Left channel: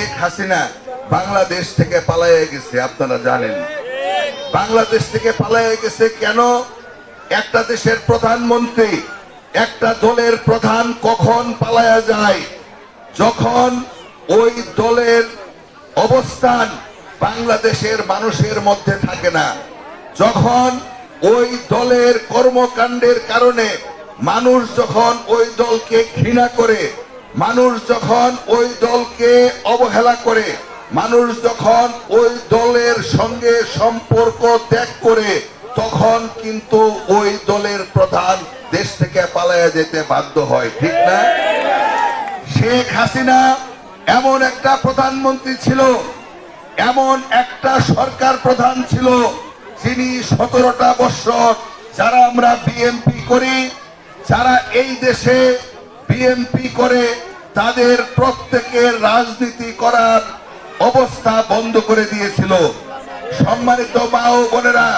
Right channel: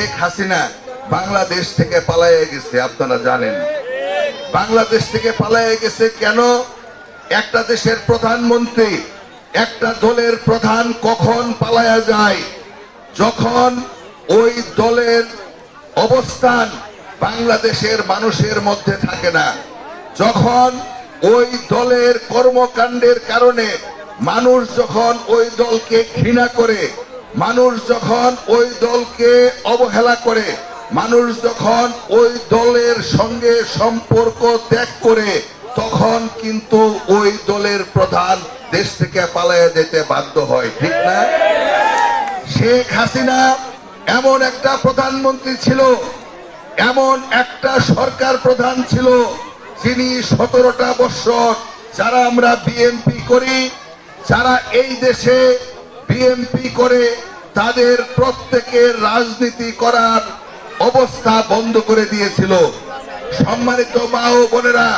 শেখ হাসিনা বাংলাদেশ থেকে পালাইয়া গেছে, আপনারা জানেন। বাংলাদেশ থেকে পালাইয়া গেছে কেন? একটা দেশের প্রধানমন্ত্রী, একটা দলের প্রধান কখন পালায়া যায়? যখন ওই দলের অবস্থান বাংলাদেশের মানুষের মধ্যে থাকে না, যখন ওই দলের কর্মকাণ্ডের কারণে মানুষ যখন ওই দলকে ঘৃণা করে মানুষ যখন ওই দলকে অবহেলা করে, মানুষ যখন ওই দলের সঙ্গে সম্পর্ক ত্যাগ করে, তখন কিন্তু ওই দলের প্রধান দেশ থেকে পালাইয়া যেতে বাধ্য হয়, ঠিক না? শেখ হাসিনা এমন একটা প্রধানমন্ত্রী ছিল, এমন একটা সরকার প্রধান ছিল, যিনি সতেরোটা বৎসর যারা আমরা বিএনপি করি, যারা এই দেশে বিএনপি করে তাদের প্রত্যেকের রাজনীতি করার অবস্থা বন্ধ করে দিয়েছিল। সম্মানিত মা ও বোনেরা,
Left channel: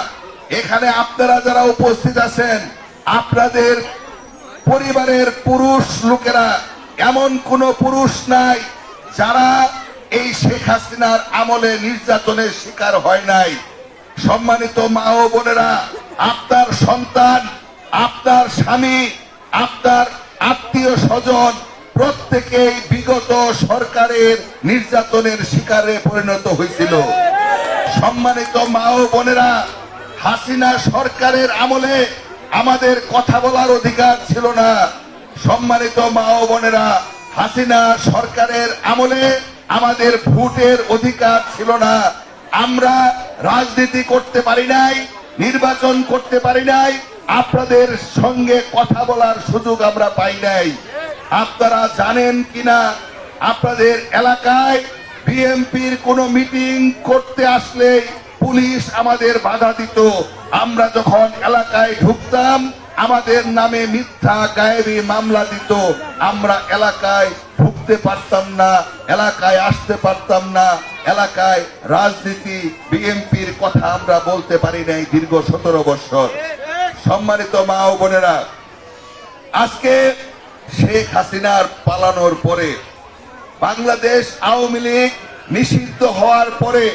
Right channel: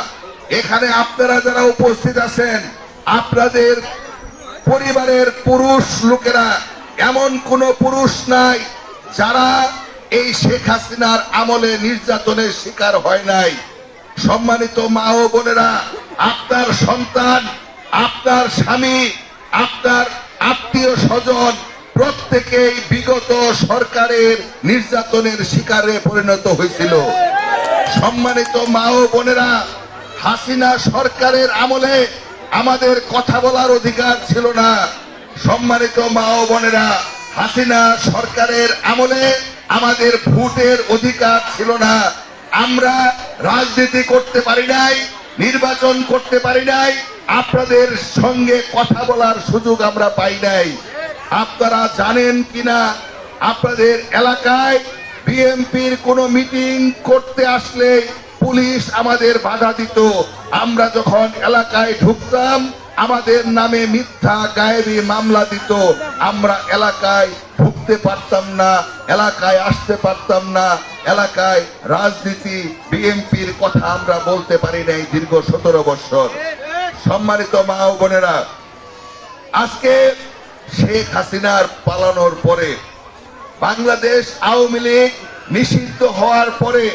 এখানে আপনারা যারা উপস্থিত আছেন, আপনাদের পরিবারের পুরুষ লোকেরা, এমন কোন পুরুষ নাই যারা এই শেখ হাসিনার আমলে নির্যাতনের শিকার হয় নাই। সম্মানিত মা ও বোনেরা, আপনার সন্তান, আপনার স্বামী, আপনার আত্মীয় স্বজন প্রত্যেকেই বিগত সরকারের নির্যাতনের শিকারে পরিণত হয়েছিল। সম্মানিত মা ও বোনেরা, হাসিনা সরকারের আমলে আমাদের কথা বলার অধিকার ছিল না। সম্মানিত মা ও বোনেরা, হাসিনা সরকারের আমলে আমাদের ভোটের অধিকার ছিল না। আমরা রাজনীতি করতে পারি নাই নির্বাচন করতে পারি নাই, আপনাদের সঙ্গে কথা বলার সুযোগ আমরা পাই নাই। আপনারা জানেন কিনা, আপনাদের এলাকায় বিএনপির কোন মিটিং করতে আসলে পুলিশ আমাদের বাধা দিত। আমরা যখন এলাকায় ঢুকতাম আমাদের নামে মিথ্যা, গায়েবী মামলা দিত। আমরা এলাকায় ঢুকতে পারতাম না, এলাকায় আসতে পারতাম না, এলাকায় রাজনীতি, বিএনপির কথা আমরা বলতে পারি নাই দীর্ঘ সতেরো বছর। সম্মানিত মা ও বোনেরা, আজকে শেখ হাসিনার পালানোর পরে বাংলাদেশ আওয়ামী লীগ নিষিদ্ধ হওয়ার পরে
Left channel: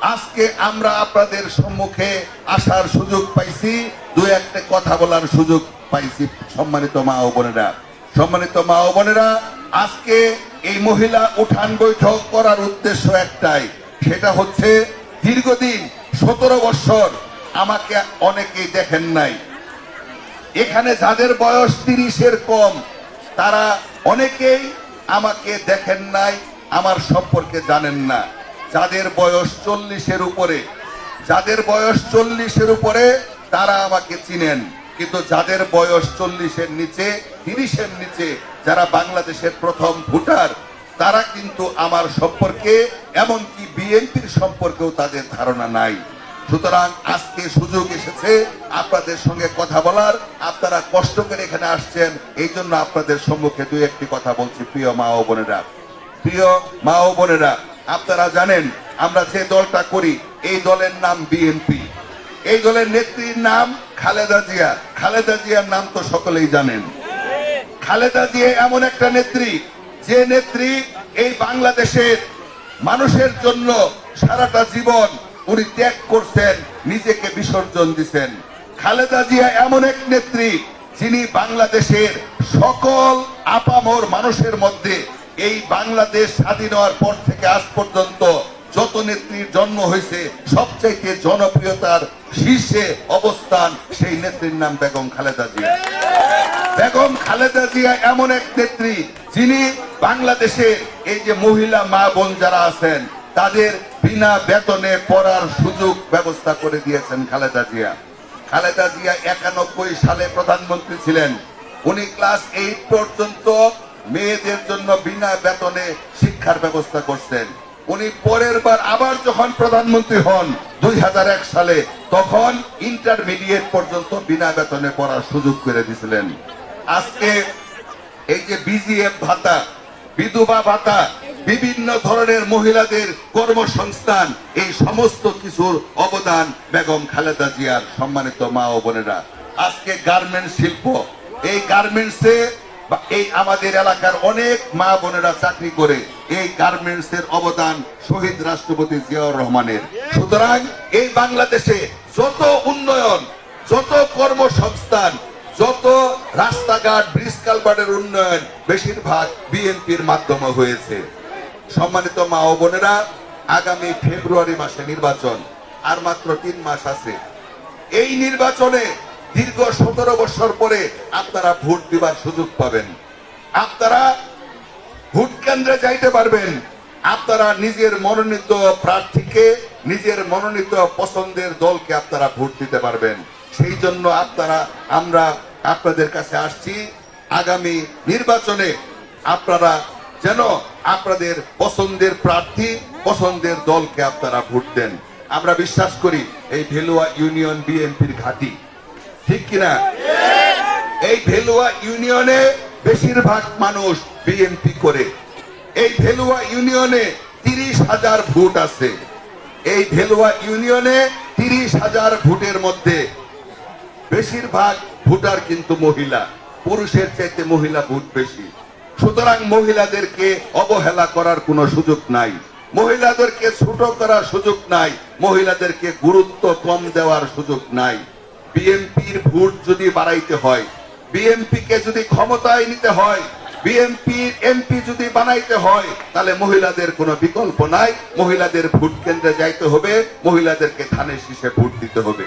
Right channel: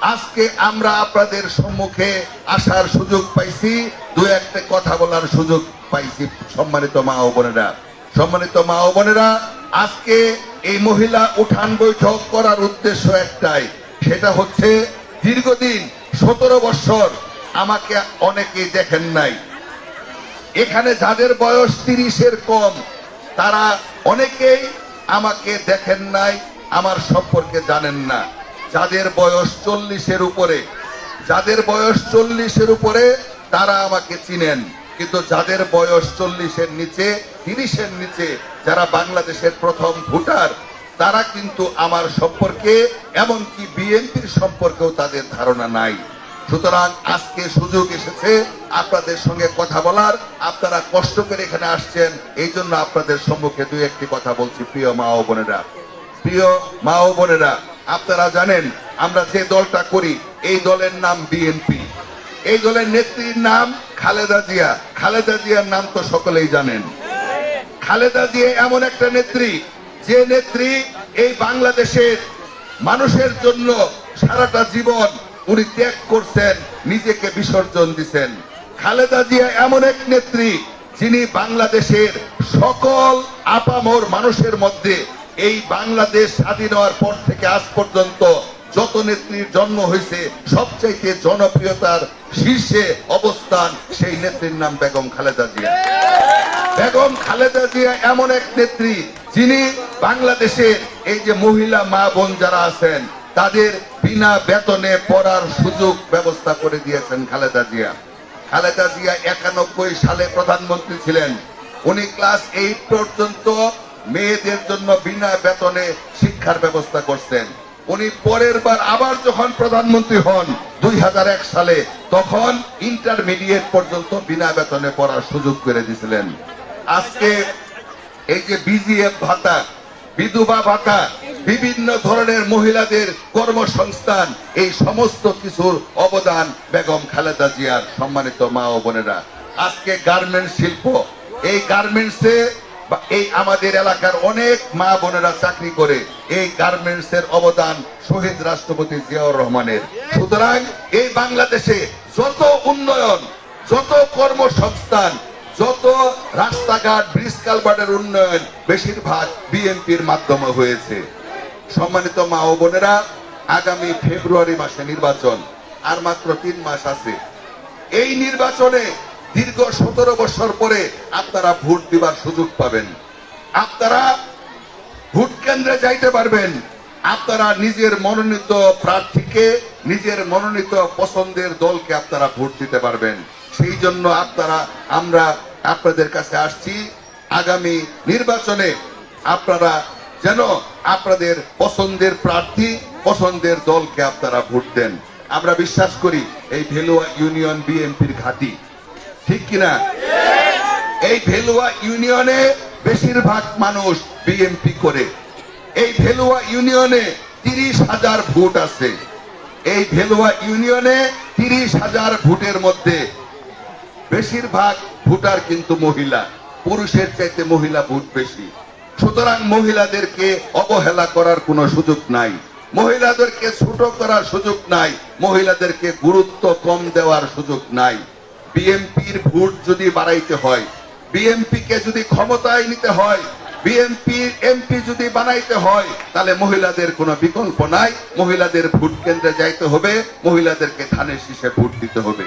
আজকে আমরা আপনাদের সম্মুখে আসার সুযোগ পাইছি, দু একটা কথা বলার সুযোগ পাইছি, সম্মানিত মা ও বোনেরা। সম্মানিত মা ও বোনেরা, আজকে এই মহিলা উঠান বৈঠক করার উদ্দেশ্য একটাই, সেটা হচ্ছে দীর্ঘদিন সতেরো বছর আমাকে অনেকেই দেখেন নাই। এখানে যাদের বয়স তিরিশের কম, তারা অনেকেই আমাকে দেখেন নাই, আমার সম্পর্কে জানেন না। যাদের বয়স চল্লিশের উপরে, যাদের বয়স চল্লিশের উপরে তারা আমাকে চিনেন। কিন্তু যাদের বয়স চল্লিশের নিচে, তিরিশের নিচে, যারা বাংলাদেশের প্রথম ভোটার, তারা কিন্তু আমার সম্পর্কে, এমনকি বিএনপির সম্পর্কেও তাদের ধারণা নাই। সুতরাং আজকে সুযোগ এসেছে আপনাদের সঙ্গে কথা বলার। আপনারা কষ্ট করে এখানে আসছেন, এই জন্য আপনাদের সম্মুখে দুই একটি কথা বলছি, প্রিয় মা ও বোনেরা। প্রিয় মা ও বোনেরা আপনারা জানেন, আমরা যে দলটা করি, এই দলের নাম বিএনপি এই দলের নেত্রীর নাম খালেদা জিয়া। খালেদা জিয়ার নাম তো সকলেই জানেন। খালেদা জিয়া এমন একটা নেত্রী, যে নেত্রী এই বাংলাদেশের মানুষের জন্য সারাটা জীবন উনি ত্যাগ করছেন, নিজেকে বিসর্জন দিছেন। খালেদা জিয়া এমন এক নেত্রী, যিনি বাংলাদেশের সকল আপামর মানুষের মধ্যে এই বাংলাদেশ স্বাধীন হওয়ার পর থেকে আজ পর্যন্ত যত নেত্রীর জন্ম হয়েছে, সবচাইতে জনপ্রিয়তার শীর্ষে অবস্থান সেই নেত্রীর নাম বেগম খালেদা জিয়া। বেগম খালেদা জিয়া এমন এক নেত্রী যিনি বাংলাদেশে এই যে মহিলা মা বোন যারা আছেন, তাদের বিনা বেতনে পড়ার সুযোগ ব্যবস্থা করে দিয়েছেন খালেদা জিয়া। খালেদা জিয়া একানব্বই সালে প্রধানমন্ত্রী ছিলেন। উনি ক্লাস এইট পর্যন্ত মেয়েদের জন্য বিনা বেতনে শিক্ষার ব্যবস্থা করছেন। উনি পরের বার আবার যখন প্রধানমন্ত্রী হন দুই হাজার এক সালে, তখন ইন্টারমিডিয়েট পর্যন্ত বিনা বেতনে পড়ার সুযোগ করে দিয়েছিলেন আজকে এই যে বিজিএফ ভাতা, বিধবা ভাতা, বিভিন্ন ধরনের মহিলাদের কর্মসংস্থান, এই সমস্ত কিছুর অবদান বেগম খালেদা জিয়ার সম্মানিত মা ও বোনেরা। আজকে গার্মেন্টস শিল্প, এই গার্মেন্টসে এই আমাদের এলাকার অনেক মা বোনেরা চাকরি করে, এই গার্মেন্টস এর অবদান শহীদ রাষ্ট্রপতি জিয়াউর রহমানের। সুতরাং এই বাংলাদেশে যত উন্নয়ন, যত কর্মসংস্থান, যত রাস্তাঘাট, ব্রিজ কালভার্টের উন্নয়ন, বেশিরভাগ বিএনপির মাধ্যমে হয়েছে। সম্মানিত মা ও বোনেরা, আগামী ফেব্রুয়ারি মাসে নির্বাচন, আর মাত্র তিন মাস আছে। এই নির্বাচনে দীর্ঘ সতেরো বছর পরে আপনারা ভোট দিবার সুযোগ পাবেন। আপনারা ভোট কেন্দ্রে যাইতে পারবেন। আপনারা নিজের মনোনীত প্রার্থীকে, নিজের মনোনীত পছন্দের দলকে আপনারা ভোট দিতে পারবেন। সেই জন্য আপনারা, আমরা আপনাদের কাছে আসছি। আগামী নির্বাচনে আপনারা যেন আপনাদের পছন্দের প্রার্থী, পছন্দের দলকে আপনারা ভোট দেন। আমরা বিশ্বাস করি এই ভেলুয়া ইউনিয়ন বিএনপির ঘাঁটি ঠিক কিনা? এই ভেলুয়া ইউনিয়নে বেশিরভাগ মানুষ বিএনপি করে। এই ভেলুয়া ইউনিয়নে তিরিশ হাজার ভোট আছে। এই ভেলুয়া ইউনিয়নে তিরিশ হাজার ভোটের মধ্যে বেশিরভাগ ভোটার কিন্তু মহিলা। পুরুষের চাইতে মহিলা ভোট বেশি। সুতরাং মহিলাদেরকে অবহেলা করার কোনো সুযোগ নাই। মহিলাদেরকে ছোট করার সুযোগ নাই। মহিলাদেরকে গুরুত্ব কম দেওয়ার সুযোগ নাই। বিএনপির ভোট যদি বাড়াইতে হয় বিএনপি কে যদি ক্ষমতায় নিতে হয় বিএনপি এমপি যদি বানাইতে হয়, তাহলে মহিলাদের কোনো বিকল্প নাই। মহিলাদের ভোট কেন্দ্রে যাইতে হবে, মহিলাদেরকে ধানের শীষে ভোট দিতে হবে।